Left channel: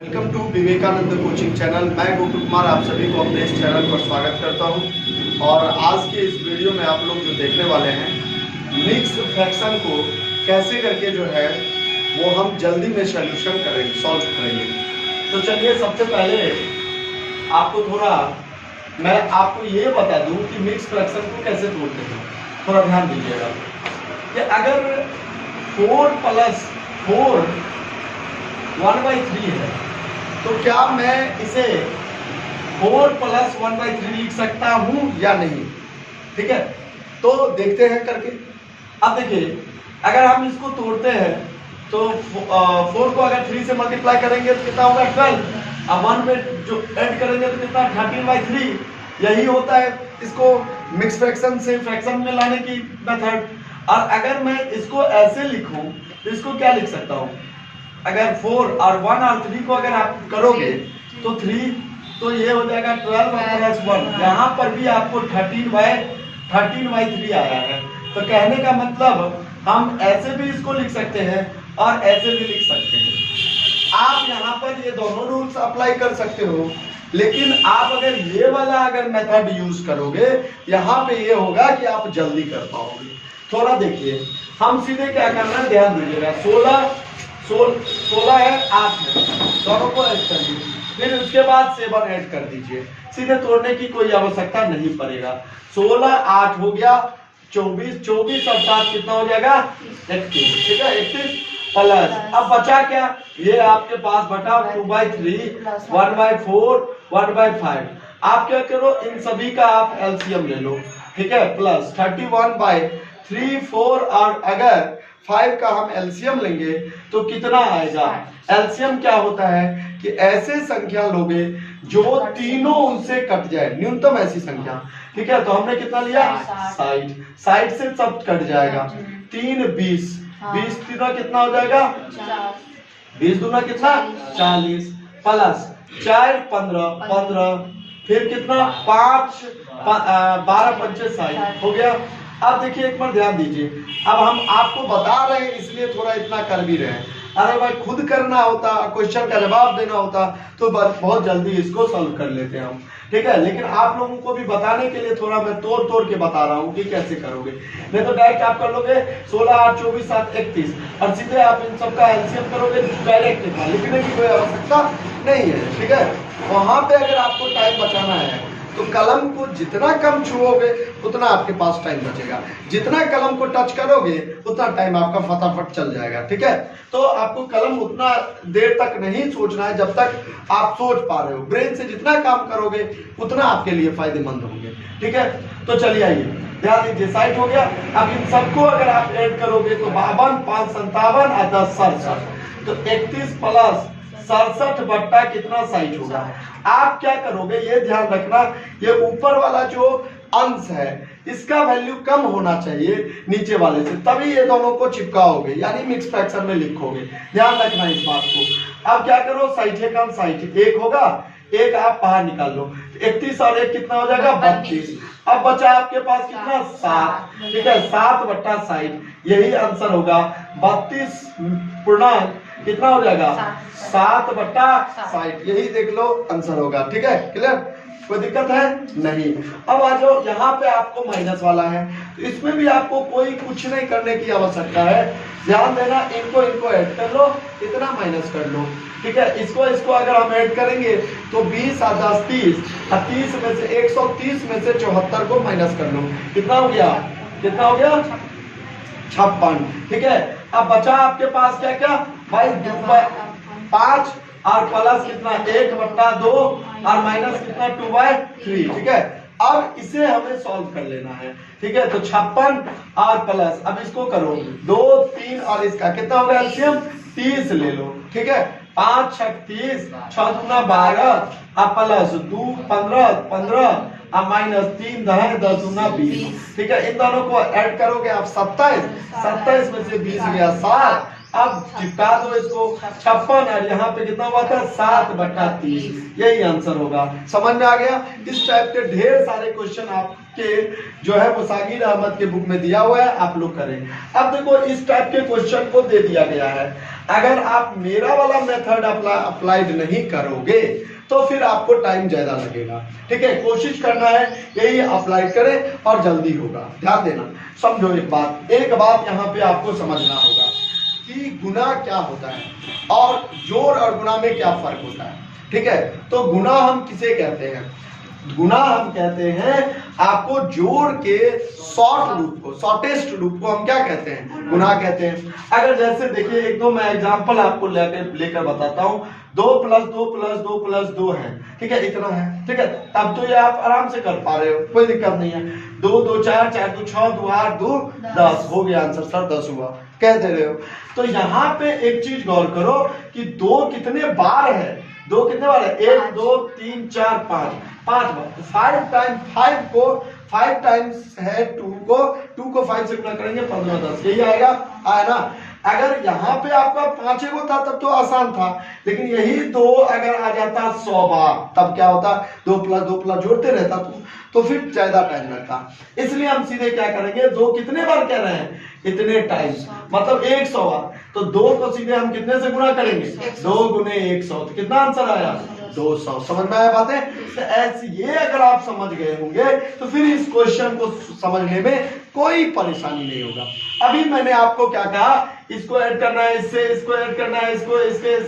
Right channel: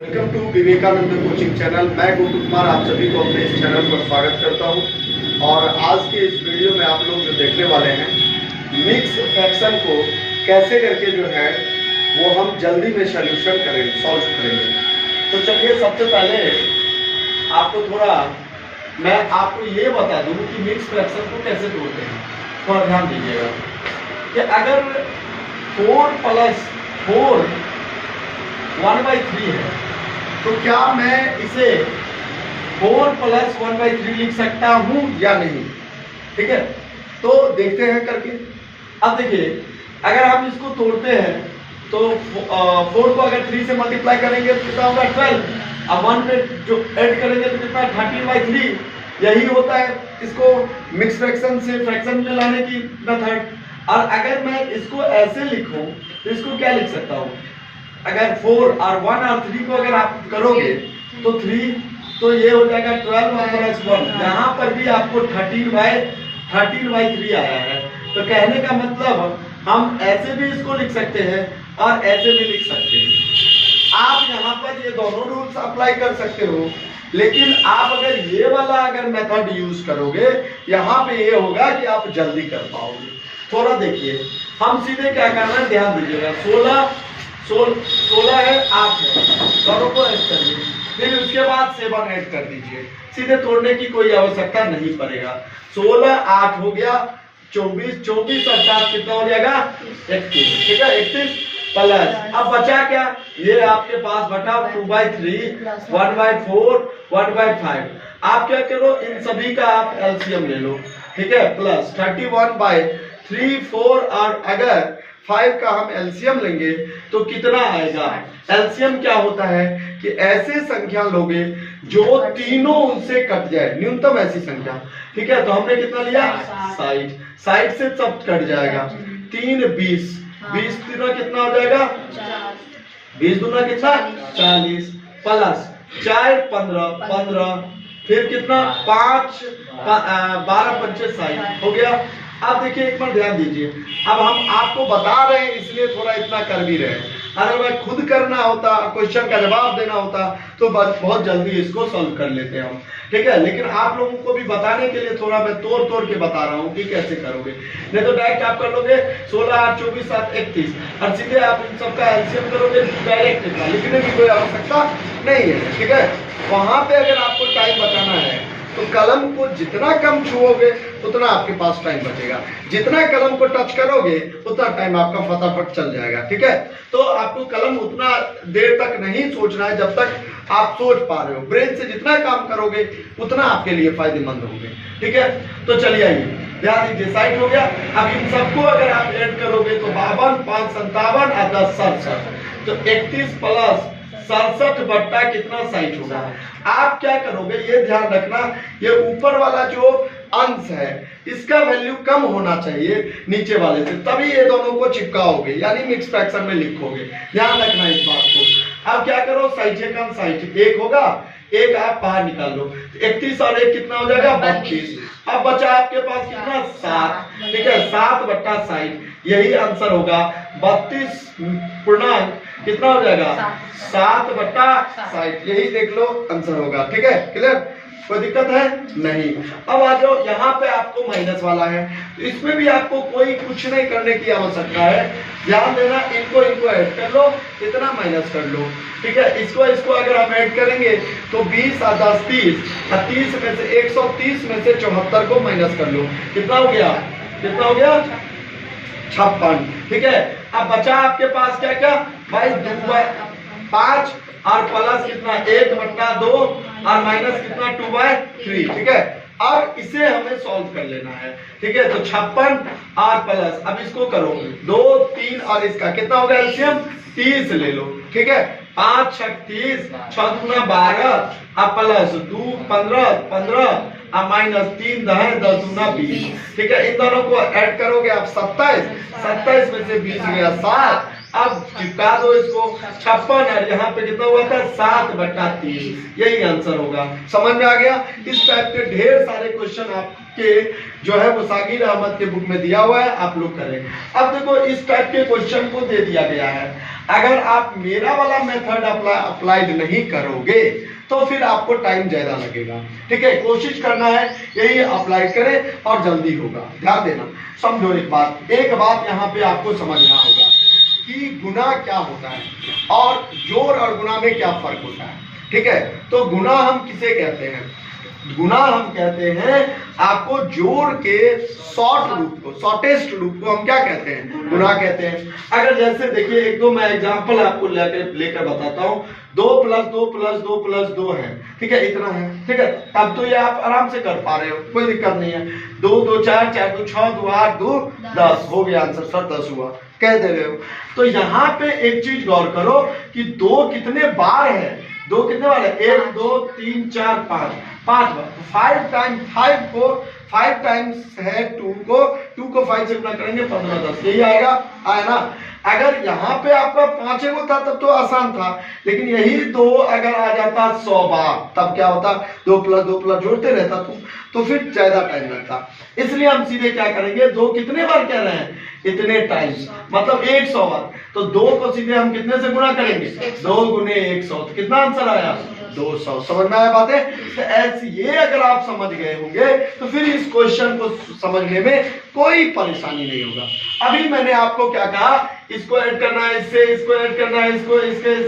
Welcome to Vivekananda coaching channel. मैं गोकुल कुमार आप सभी को अपने इस चैनल पर स्वागत करता हूं। और आज के इस वीडियो में आप लोग जो देखने वाले हैं, मिक्स फ्रैक्शन को कैसे करके जो है वो हम जल्दी में सॉल्यूशन करेंगे, सॉल्व करेंगे। तो चलिए सबसे पहले आपको थोड़ा मैं आपको ये बता दूं कि मिक्स फ्रैक्शन को कैसे तोड़ते हैं। थोड़ा ध्यान दीजिएगा कि अगर 4 + 4 1/3 है तो क्या मैं इसे 4 + 1/3 लिख सकता हूं या नहीं? ठीक है, तो देखते हैं करके। अब देखिए, अगर हम इसको तोड़ते हैं तो 4 को अगर 3 से मल्टीप्लाई करेंगे तो कितना होगा 12। अब 1 पे जो ऐड करेंगे तो कितना 13/3। यही होता है इसको मिक्स फ्रैक्शन से फ्रैक्शन में लाने की मेथड। और अगर मैं इसको ऐसे लिखूं तो इसको क्या लिख सकता हूं? अगर 4 और 1 और 3 को अगर आप करोगे तो 3 तो ये हो जाएगा 12 + 1। यहाँ पर भी आपको 13/3 आया है। तो कहने का मतलब हम ऐसे भी इसको लिख सकते हैं और ऐसे भी लिख सकते हैं। आप यहाँ पर ये दोनों रूल्स अप्लाई कर सकते हो, लेकिन आप अगर ये वाला अगर मेथड यूज करोगे, यहाँ पे ये होगा कि आप जल्दी कर पाओगे। थोड़ा देखिए, हम सीधे क्या करना है, ध्यान दीजिएगा। 16 है, 8 है, दोनों को ऐड कर दीजिए। फिर उसके बाद 7 ऐड कर दीजिए। सीधे तोड़ने की कोई आवश्यकता नहीं पड़ेगा। 16 8 हो गया 24 और 7 कितना हो जाएगा 31। ठीक है, 31 प्लस अब बचा क्या, ये आपके पास बटा 2/3 1/4 1/5। आप क्या करो, इन सभी का आप एलसीएम ले लो। ठीक है, प्लस 31/3 4 और अगर 5 का हम एलसीएम लेंगे तो कितना आएगा? एलसीएम क्या होता है कि ऐसे संख्या लोगे जो तीनों उनसे कट जाए, न्यूनतम ऐसी संख्या। ठीक है, तो हमने कितना लिया 60। 60 से सब कट जाएगा। 3 20 20 तीना कितना हो जाएगा 20 दूना कितना 40 प्लस 4 15 15 फिर कितना 5 12 पंचे 60 हो गया। अब देखिए, एक बार ध्यान दीजिए। अब हम आपको बता रहे हैं इसलिए थोड़ा इतना कर भी रहे हैं। अगर भाई खुद करना होता, क्वेश्चन का जवाब देना होता तो बहुत जल्दी इसको सॉल्व कर लेते हैं हम। ठीक है, लेकिन आप लोगों को भी बताने के लिए थोड़ा मैं तोड़ तोड़ के बता रहा हूँ कि कैसे करोगे। नहीं तो डायरेक्ट आप कर लोगे 16 8 24 7 31 और सीधे आप इन सबका एलसीएम करोगे डायरेक्ट। लिखने की कोई आवश्यकता नहीं है। ठीक है, वहां पे अगर आपको टाइम बचाना है तो कलम को जितना कम छुओगे उतना आपके पास टाइम बचेगा। जितना कलम को टच करोगे उतना टाइम आपका फटाफट चल जाएगा। ठीक है, तो आपको कलम उतना देर तक नहीं सोचना है जब तक आप सोच पा रहे हो। ब्रेन से जितना काम करोगे उतना आपके लिए फायदेमंद होंगे। ठीक है, तो चलिए आइए, ध्यान दीजिए। 60 हो गया। अब इन सबको अगर आप ऐड करोगे तो 52 5 57 और 10 67 तो 31 प्लस 67 बट्टा कितना 60 होगा। आप क्या करोगे, ये ध्यान रखना, ये ऊपर वाला जो अंश है इसका वैल्यू कम होना चाहिए नीचे वाले से, तभी ये दोनों को चिपकाओगे, यानी मिक्स फ्रैक्शन में लिखोगे। ध्यान रखना इस बात को। अब क्या करो, 60 कम 60 1 होगा, एक आप बाहर निकाल लो। 31 और 1 कितना हो जाएगा 32। अब बचा आपके पास कितना 7। ठीक है, 7 बट्टा 60 यही आंसर होगा। 32 पूर्णांक कितना हो जाएगा 7 बट्टा 60 यही देख लो आंसर होगा। ठीक है, क्लियर, कोई दिक्कत है नहीं। अब आ जाओ, यहाँ पे आपको माइनस वाला है तो इसमें भी आपको कोई कुछ नहीं करने की आवश्यकता है। ध्यान देना, इनको ऐड कर लो, इतना माइनस कर लो। ठीक है, इसको अगर हम ऐड करेंगे तो 20 और 10 30 और 30 में से 130 में से 74 को माइनस कर लो। कितना हो गया 56। ठीक है, अब बचा आपके पास क्या क्या भाई 5 और प्लस कितना 1/2 और माइनस कितना 2/3। ठीक है, अब इसे हमें सॉल्व कर लेना है। ठीक है, तो 56 और प्लस, अब इसको करो 2 3 और इसका कितना होगा एलसीएम 30 ले लो। ठीक है, 5 6 30 6 दूना 12 और प्लस 2 15 15 और माइनस 3 10 दूना 20। ठीक है, इन दोनों को ऐड करोगे आप 27 में से 20 गया 7। अब चिपका दो इसको 56 और यहाँ पे कितना हुआ था 7 बट्टा 30 यही आंसर होगा। समझ में आ गया? इस टाइप के ढेर सारे क्वेश्चन आपके जो है वो सागिर अहमद के बुक में दिया हुआ है, आप लोग करें। अब देखो इस टाइप के क्वेश्चन को दे दिया गया है, अगर आप मेरा वाला मेथड अप्लाइड नहीं करोगे तो फिर आपको टाइम ज्यादा लगेगा। ठीक है, कोशिश करना है यही अप्लाई करें और जल्दी होगा। ध्यान देना, समझो एक बात यहाँ पे आपको समझना होगा कि गुना क्या होता है और जोड़ और गुना में क्या फर्क होता है। ठीक है, तो गुना हम किसे कहते हैं? गुना हम कहते हैं आपको जोड़ के शॉर्टेस्ट रूप को हम क्या कहते हैं? गुना कहते हैं। अगर जैसे देखिए एक दो मैं एग्जांपल आपको लेकर बताता हूँ। 2 + 2 + 2 + 2 है, ठीक है, इतना है। ठीक है, तब तो ये आप आराम से कर पा रहे हो, कोई दिक्कत नहीं है। 2 2 4 4 2 6 2 8 2 10 हो गया आंसर सर, 10 हुआ, कह दे रहे हो। तो यहाँ पे एक चीज गौर करो कि 2 कितने बार है? 2 कितने बार है? 1 2 3 4 5 बार। 5 टाइम्स है 2 को 5 से गुना करेंगे 15 10, यही आएगा ना। अगर यहाँ पे आपका 5 वो था तब तो आसान था, लेकिन यही 2 अगर आ जाता 100 बार तब क्या होता? 2 + 2 + जोड़ते रहता तो फिर ज्यादा टाइम लगता। इसलिए हम सीधे क्या करेंगे, 2 कितने बार कह रहे हैं? इतने टाइम्स, मतलब 100 बार। तो 2 को सीधे हम कितने से गुना करेंगे? 2 × 100, तो कितना आंसर आया? 200। समझ में आया बातें? तो ऐसे ये अगर आप समझ गए होंगे तो फिर इस क्वेश्चन को समझने में कोई परेशानी नहीं होगा। अभी मैंने आपको क्या कहा, इसको ऐड करना है इससे, इसको ऐड करना है इसको इससे,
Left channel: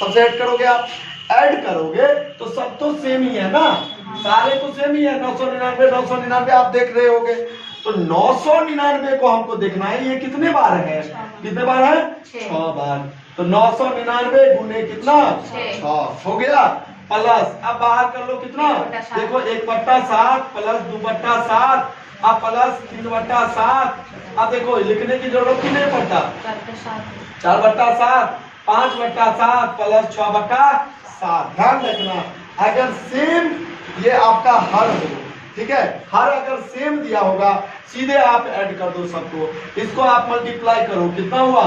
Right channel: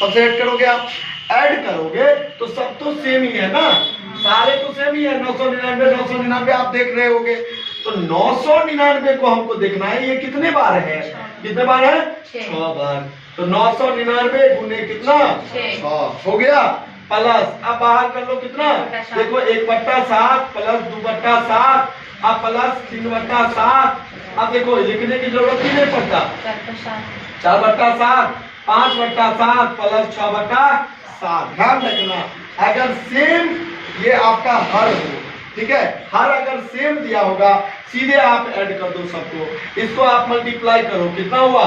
सबसे ऐड करोगे आप। ऐड करोगे तो सब तो सेम ही है ना, सारे तो सेम ही है। 999 आप देख रहे होगे, तो 999 को हमको देखना है ये कितने बार है? कितने बार है? 6 बार। तो 999 गुने कितना? 6 हो गया। प्लस अब बाहर कर लो कितना, देखो 1/7 प्लस 2/7 अब प्लस 3/7। अब देखो लिखने की जरूरत ही नहीं पड़ता, 4/7 5/7 प्लस 6/7। ध्यान रखना, अगर सेम ये आपका हर हो, ठीक है, हर अगर सेम दिया होगा सीधे आप ऐड कर दो सबको, इसको आप मल्टीप्लाई करो, कितना हुआ?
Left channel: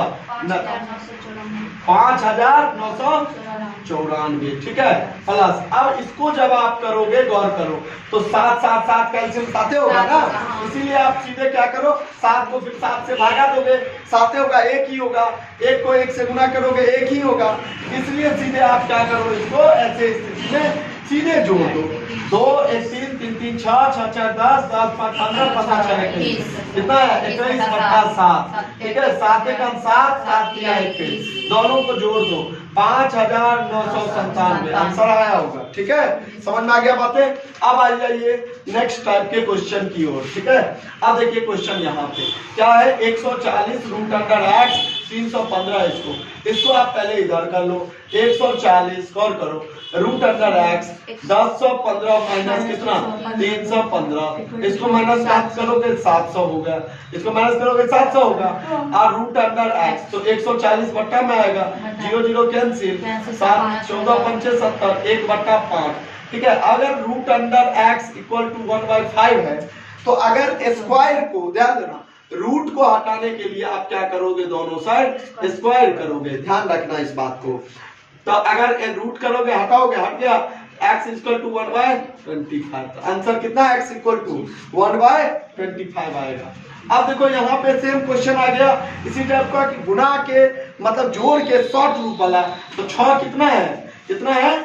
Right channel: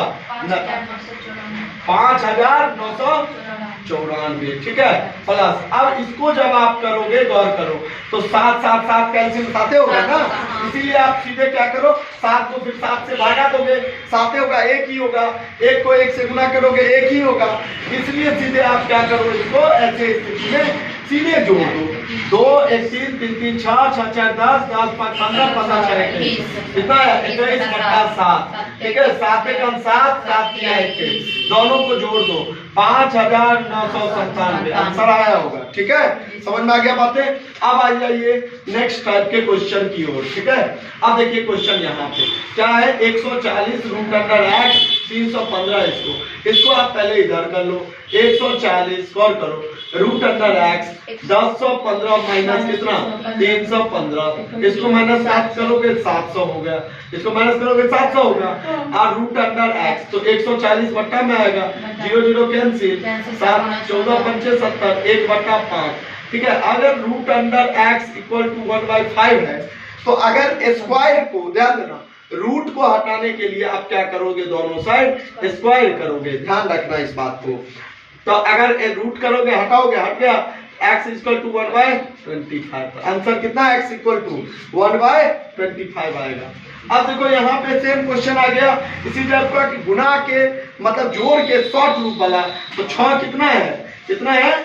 5994। ठीक है, प्लस अब इसको जब आप करोगे, गौर करो, तो 7 7 7 कैल्शियम 7 होगा ना, इसीलिए आप सीधे क्या करो, 7 को फिर 7 से भागा दोगे, 7 होगा, 1 ही होगा। 1 को 1 से गुना करोगे, 1 ही होगा। इसलिए सीधे आप क्या करो, इसको ऐसे स्थिति में सीधे जोड़ दो। 2 1 3 3 3 6 6 6 10 10 5 15 15 6 21, कितना है? 21/7। ठीक है, 7 1 7 7 3 21, दोनों को जोड़ दो, 5997 आंसर आया होगा। ठीक है, समझ में आ गया बातें? अब आ जाइए नेक्स्ट टाइप के क्वेश्चन की ओर। ठीक है, अब देखिए क्वेश्चन यहाँ पे क्या है, 140 √x 315। इसको आप पहले इधर कर लो, 140 गौर करो √x 1015 माइनस कितना? 315। इसको माइनस 7 करोगे 700 हो गया, इसको माइनस करोगे 700 होगा। और √x तो 140 बट्टा में आएगा, 0 0 कैंसिल, 7 14 5 70 1/5। ठीक है, अगर √x = 1/5 है तो अगर स्क्वायर को, ध्यान देना, रूट को हटाने के लिए आप क्या करोगे, दोनों साइड स्क्वायर करोगे। ध्यान रखना इस बात को। तो अगर रूट करोगे, हटाओगे, हट गया, x = 1/25। आंसर कितना? x = 1/25 आएगा। अब देखो यहाँ पे सेम क्वेश्चन आ गया इसी टाइप का कि गुना के मतलब जोड़ के शॉर्ट रूप वाला। तो 6 कितना है? कितना है?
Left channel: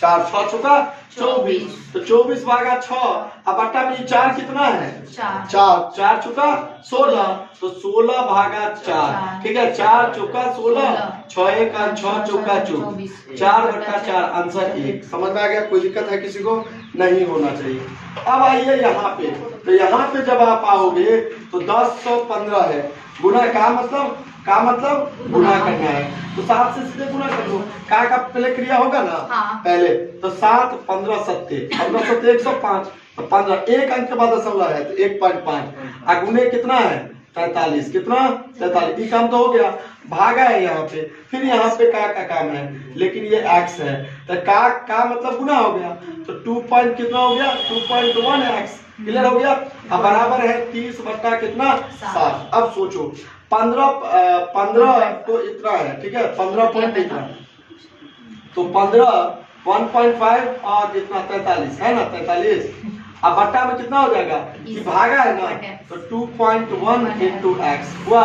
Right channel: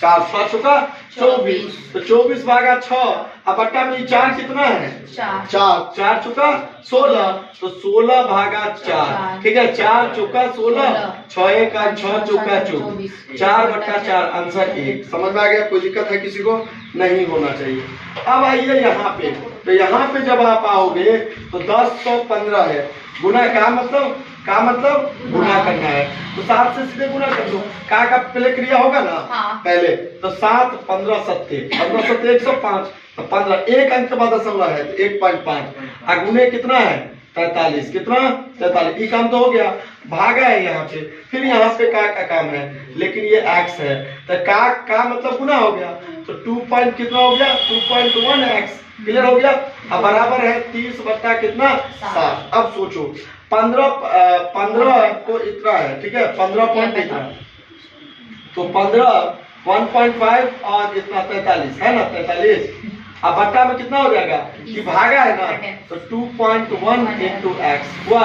4 6 चौका 24, तो 24/6। अब बट्टा में 4 कितना है? 4 4 चौका 16, तो 16/4। ठीक है, 4 चौका 16, 6 1 6 चौका 24, 4/4 आंसर 1। समझ में आ गया? कोई दिक्कत है किसी को? नहीं होना चाहिए। अब आइए यहाँ पे, तो यहाँ पे जब आप आओगे तो 1015 है, गुना का मतलब गुना करना है, तो 7 से सीधे गुना कर दो। का पहले क्रिया होगा ना, पहले तो 7 15 7 15 7 105, तो 15 एक अंक के बाद दशमलव है तो 1.5। गुने कितना है? 43। कितना? 43। ये काम तो हो गया, भागा है यहाँ पे, फिर यहाँ पे का काम है, लेकिन ये x है, तो का मतलब गुना हो गया, तो 2 पॉइंट कितना हो गया? 2.1x। क्लियर हो गया? अब बराबर है 30 बट्टा कितना? 7। अब सोचो 15 को इतना है, ठीक है, 15 पॉइंट इतना, तो 15 1.5 और इतना 43 है ना, 43। अब बट्टा में कितना हो जाएगा कि भागा है ना, तो 2.1 इंटू एक्स हुआ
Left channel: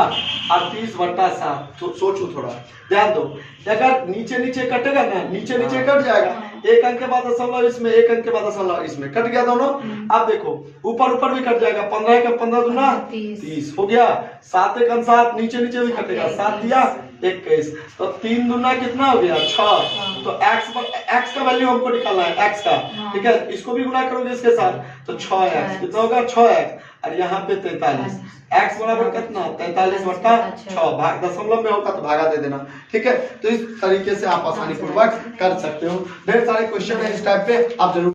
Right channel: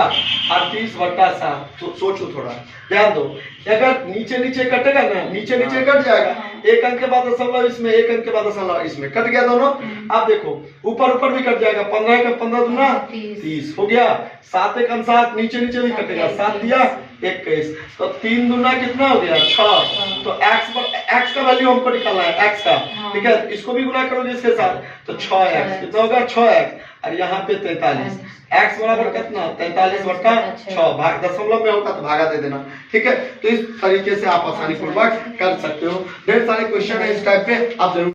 और 30/7। तो सोचो थोड़ा, ध्यान दो, अगर नीचे नीचे कटेगा ना, नीचे नीचे कट जाएगा, एक अंक के बाद दशमलव इसमें, एक अंक के बाद दशमलव इसमें, कट गया दोनों। अब देखो ऊपर ऊपर भी कट जाएगा, 15 का 15 दूना 30 हो गया, 7 एक 7, नीचे नीचे भी कटेगा, 7 दिया 21, तो 3 दूना कितना हो गया 6। तो x का वैल्यू हमको निकालना है, x का, ठीक है, इसको भी गुना करोगे इसके साथ, तो 6x कितना होगा 6x, और यहाँ पे 43, x बराबर कितना 43/6, भाग दशमलव में होता तो भागा दे देना, ठीक है। तो इस तरीके से आप आसानी पूर्वक कर सकते हो। ढेर सारे क्वेश्चन है इस टाइप पे, आप जरूर